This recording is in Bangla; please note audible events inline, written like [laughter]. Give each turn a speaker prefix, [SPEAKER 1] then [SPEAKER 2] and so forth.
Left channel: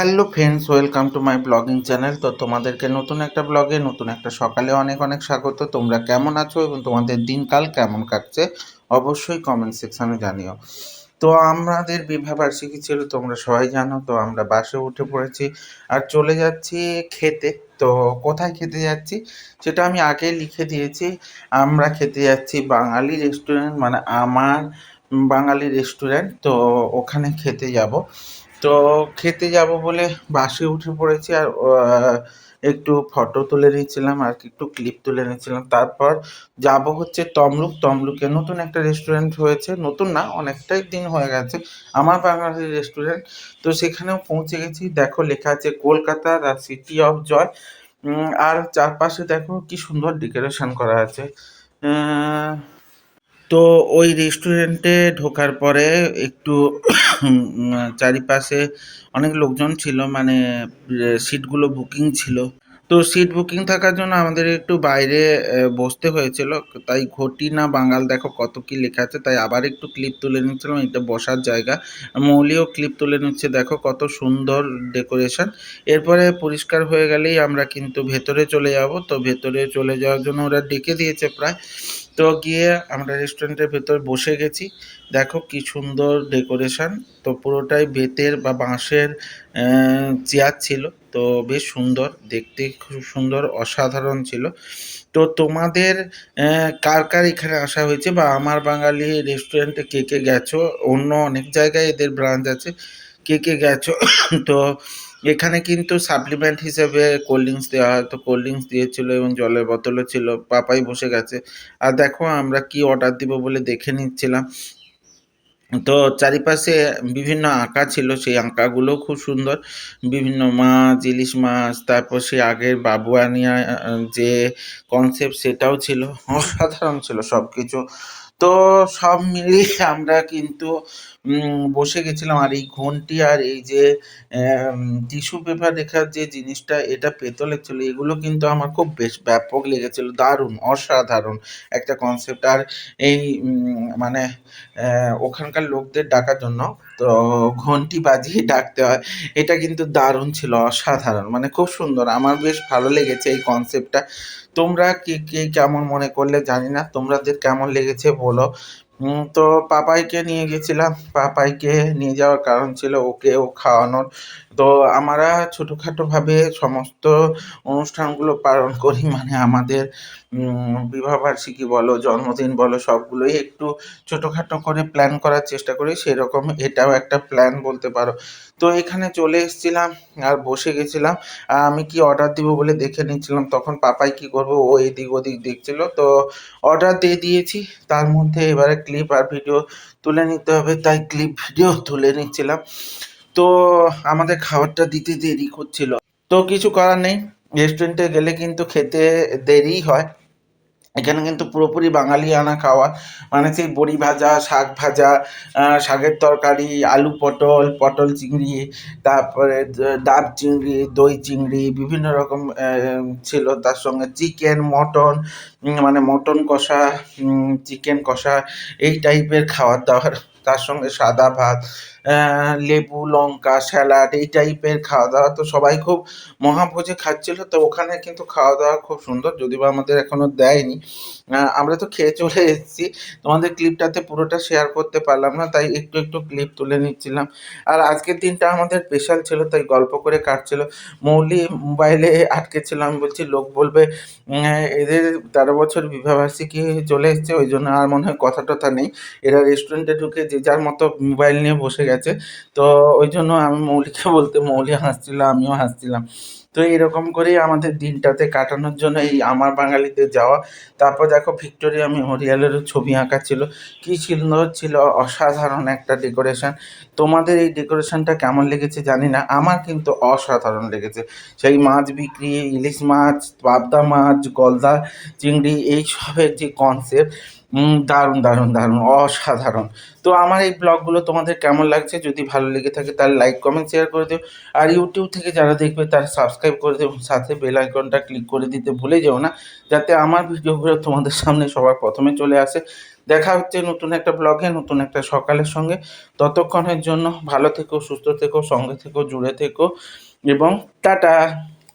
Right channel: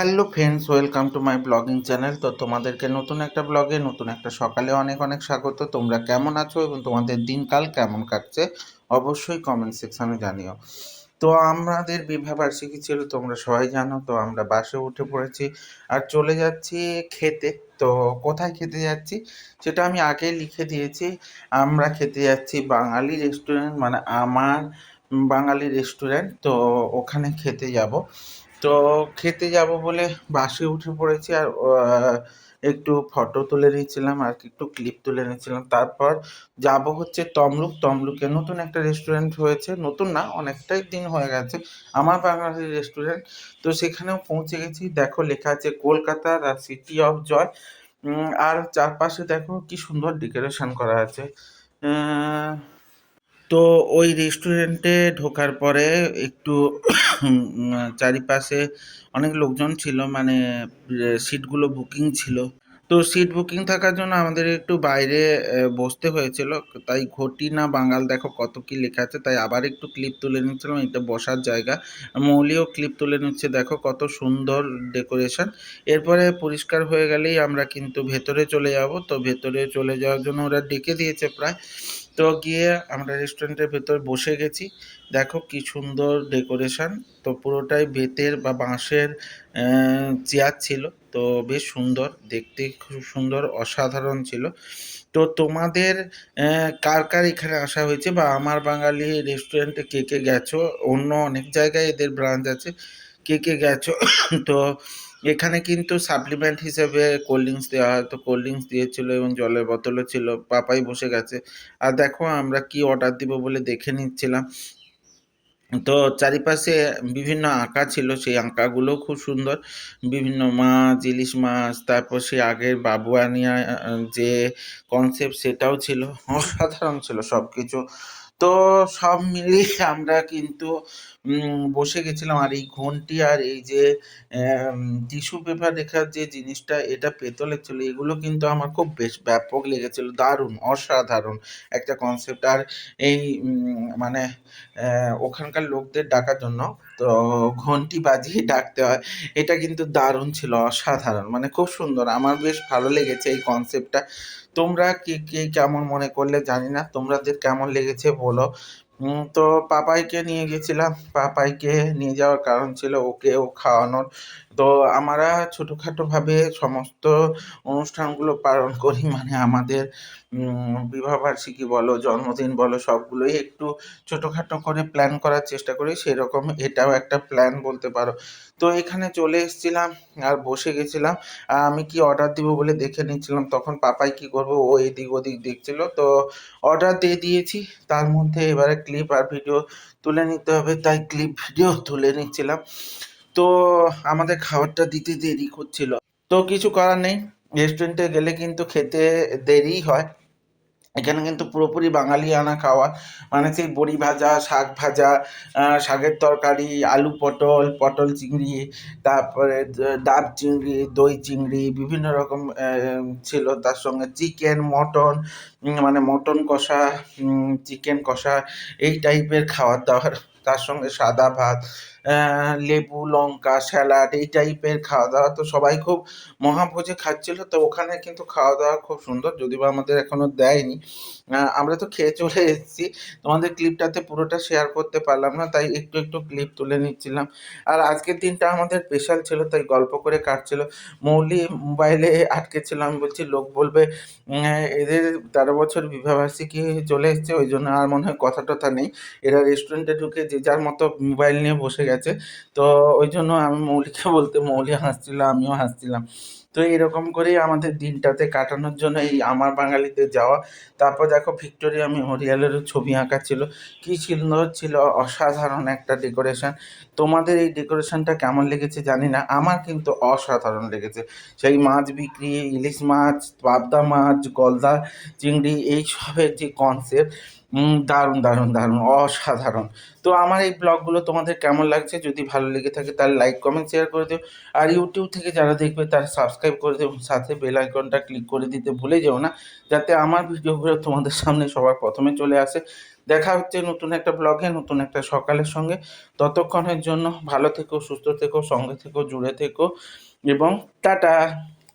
[SPEAKER 1] Hello friends, welcome to my blogging channel. তো তোমাদেরকে নতুন একটা ব্লগে, নতুন একটা সকালে অনেক অনেক স্বাগত। তোমরা কেমন আছো এবং তোমাদের দিনকাল কেমন কাটছে? অবশ্যই কমেন্ট সেকশানে জানিও। তো আমাদের বিবাহবার্ষিকী ছিল, তোমরা সবাই জানো, তো আমরা বাসে উঠে পড়েছি আর চলে যাচ্ছি খেতে। তো কোথায় খেতে যাচ্ছি? সেটা আমি আগে লিখে দিয়েছি। আমরা খেতে যাচ্ছি বাঙালি রেস্টুরেন্ট মানে আমার বাঙালি রেস্টুরেন্ট তো ওখানে খেতে যাব। তো খেতে যাব বলে বাসে উঠে পড়েছি আর একটু ফটো তুলে নিয়েছিলাম আর একটু ক্লিপ তুলে নিয়েছিলাম। তারপর যাব হচ্ছে তমলুক। তমলুকে নতুন একটা রেস্টুরেন্ট হয়েছে। নতুন না, অনেকটাই দিন হয়ে গেছে আমার বাঙালি রেস্টুরেন্ট তো সেখানেও পৌঁছে গেছি। দেখো লেখা আছে Kolkata the city of joy আর চারপাশে দেখো কি সুন্দর ডেকোরেশন করা আছে। তো ওই রেস্টুরেন্টে ঢোকার পরে একটু চারিপাশে অনেক লোকজন ছিল মানে সিটগুলো বুকিং ছিল। তো সিট বুকিং থাকার জন্য আমাদের একটু বাইরে বসতে হয়েছিল। তাই ঘটি না বাঙাল, দেখো কত কি লেখা আছে। তাই আবার একটু ক্লিপ তুলে নিচ্ছিলাম, এটা বসার জায়গা। মৌলিও ক্লিপ তুলে নিচ্ছে, দেখো কত সুন্দর ডেকোরেশন এরপরে পরিষ্কার হয়ে গেলেই আমরা কিন্তু ভেতরে চলে যাব। তো ভেতরে চলে যাওয়ার জন্য ওরা ডেকে দিয়েছে প্রায়। তো গিয়ে আমরা রেস্টুরেন্টের ভেতর বসে গেছি। দেখো কি সুন্দর ডেকোরেশন তো পুরোটাই বেতের বা বাঁশের চেয়ার ছিল। তো বেশ সুন্দর, দেখতে খুব সুন্দর, অসাধারণ ছিল। তো তোমাদের কার কার এখানে আসা হয়েছে বা আমার বাঙালি রেস্টুরেন্টে কে কে গেছো? অন্য অনেক জায়গায় এদের ব্রাঞ্চ আছে, কে কে গেছো? [coughs] তো এখানে কিন্তু সাপ্লিমেন্ট হিসেবে কোল্ড ড্রিঙ্কস দেওয়া হয়। তো কোল্ড ড্রিঙ্কস দিয়েছিল এবং জলের বোতলও ছিল, পাপাই বসে গেছে। আর দেখো আমরা কি অর্ডার দিব বলে দেখে নিচ্ছিলাম। তো চারিপাশে বিভিন্ন আঁকা ছিল, সেই আঁকাগুলো খুব সুন্দর। বিভিন্ন মাছ, ইলিশ মাছ, তারপর সেই আগের বাবুয়ানিয়া যে কনসেপ্ট সেটাও ছিল, অসাধারণ ছিল সব কিছু তো সব মিলিয়ে আমরা কিন্তু বসে গেছিলাম। আর এই ঘন্টি আর এই যে টিস্যু পেপার রেখার যে জিনিসটা, এটা পেতলের ছিল এগুলো কিন্তু আমার খুব বেশ ব্যাপক লেগেছিল। দারুণ, অসাধারণ একটা কনসেপ্ট আর এই মানে ওখানকার লোকদের ডাকার জন্য তো ঘন্টি বাজিয়ে ডাকতে হয়। এটা কিন্তু দারুণ ছিল, অসাধারণ। মানে খুব সুন্দর। আমার বেশ ভালো লেগেছে এই কনসেপ্টটা তোমরা কে কে কেমন মনে করলে জানি না। তোমাদের কেমন লেগেছে বলো। তো পাপাইকে নিয়ে গেছিলাম। পাপাইকে নিয়ে যাওয়ার কারণ ছিল ওকে ও খাওয়ানোর। তো আমরা ছোটোখাটোভাবে সমস্ত অনুষ্ঠানগুলো পালন করি। মানে আমাদের বিবাহবার্ষিকী বলো, জন্মদিন বলো, সবগুলোই একটু ছোটোখাটো করে প্ল্যান করার চেষ্টা করি। সেরকম এটাও একটা প্ল্যান বলতে পারো। তো এখানে চলে এসেছিলাম আর বসে গেছিলাম। আমি কি অর্ডার দিব বলে দেখে নিচ্ছিলাম তখন পাপাই কি করব? ও এদিক ওদিক দেখছিল। তো অর্ডার দিয়ে দিয়েছি। তার মধ্যে এবারে ক্লিপ আর ভিডিও তুলে নিতে হবে, তাই ক্লিপ ভিডিও তুলে নিচ্ছিলাম। তো আমাদের খাবারটা দিতে দেরি করছিল। তো কিছু করার নেই রেস্টুরেন্টে গেলে কিন্তু খেতে দেরিই হয়। এখানে কিন্তু পুরোপুরি বাঙালি আনা খাওয়া। মানে সেই বড়ি ভাজা, শাক ভাজা শাকের তরকারি, আলু পটল পটল চিংড়ি, তারপরে ডাব চিংড়ি, দই চিংড়ি, বিভিন্ন রকম ছিল। তার সঙ্গে চিকেন, মটন মানে মটন কষা চিকেন কষা, এই টাইপের খাবার দাবার তার সঙ্গে সাদা ভাত লেবু, লঙ্কা, স্যালাড এই টাইপের খাওয়া দাওয়া তো সবাই খুব মহাভোজে খাচ্ছিল। তো ওখানে কিন্তু খাওয়া দাওয়া খুব সুন্দর যদি বা আমাদের এখনও দেয়নি। আমরা তো খেয়ে চলে এসেছি। তোমাদের ক্লিপটাতে পুরোটা শেয়ার করতে পারলাম না, তাই একটু একটু ক্লিপ তুলে নিচ্ছিলাম। আর আজকের দিনটা আমাদের স্পেশাল ছিল, তাই গল্প করে কাটছিল। মৌলি মোবাইলে আটকে ছিল, আমি বলছি, লোক বলবে এদের তেরো বছর বিবাহবার্ষিকী চলে এসছে, ওই জন্য আর মনে হয় কথা টথা নেই। এরা রেস্টুরেন্টে ঢুকে যে যার মতো মোবাইল নিয়ে বসে গেছে। তো ওই জন্য আমি মৌলিকে বলতে, মৌলি হাসছিল, আমিও হাসছিলাম। তো এরকম করেই আমাদের দিনটাতে কাটানোর জন্য এই আমার বাঙালিতে যাওয়া। তারপর দেখো ভিক্টোরিয়া মেমোরিয়ালেরও ছবি আঁকা ছিল। কী সুন্দর ছিল অসাধারণ একটা ডেকোরেশন। তোমাদের এই ডেকোরেশনটা কেমন লেগেছে জানি না, আমার কিন্তু অসাধারণ লেগেছে। সেই মাছ বিক্রি, ইলিশ মাছ, পাবদা মাছ, গলদা চিংড়ি এই সবের যে কনসেপ্ট দারুণ দারুণ দারুণ, অসাধারণ। তো আমার এই ব্লগগুলো তোমাদের কেমন লাগছে? যদি ভালো লেগে থাকে তাহলে লাইক কমেন্ট শেয়ার করে দিও। আর ইউটিউব থেকে যারা দেখবে তারা সাবস্ক্রাইব করে দেবে সাথে বেল আইকনটা ক্লিক করে দিতে ভুলে যেও না, যাতে আমার ভিডিওগুলো তোমাদের সামনে সবার প্রথমে চলে আসে। দেখা হচ্ছে নতুন একটা ব্লগে নতুন একটা সকালের সঙ্গে। ততক্ষণের জন্য ভালো থেকো, সুস্থ থেকো, সঙ্গে থেকো, জুড়ে থেকো এবং টাটা!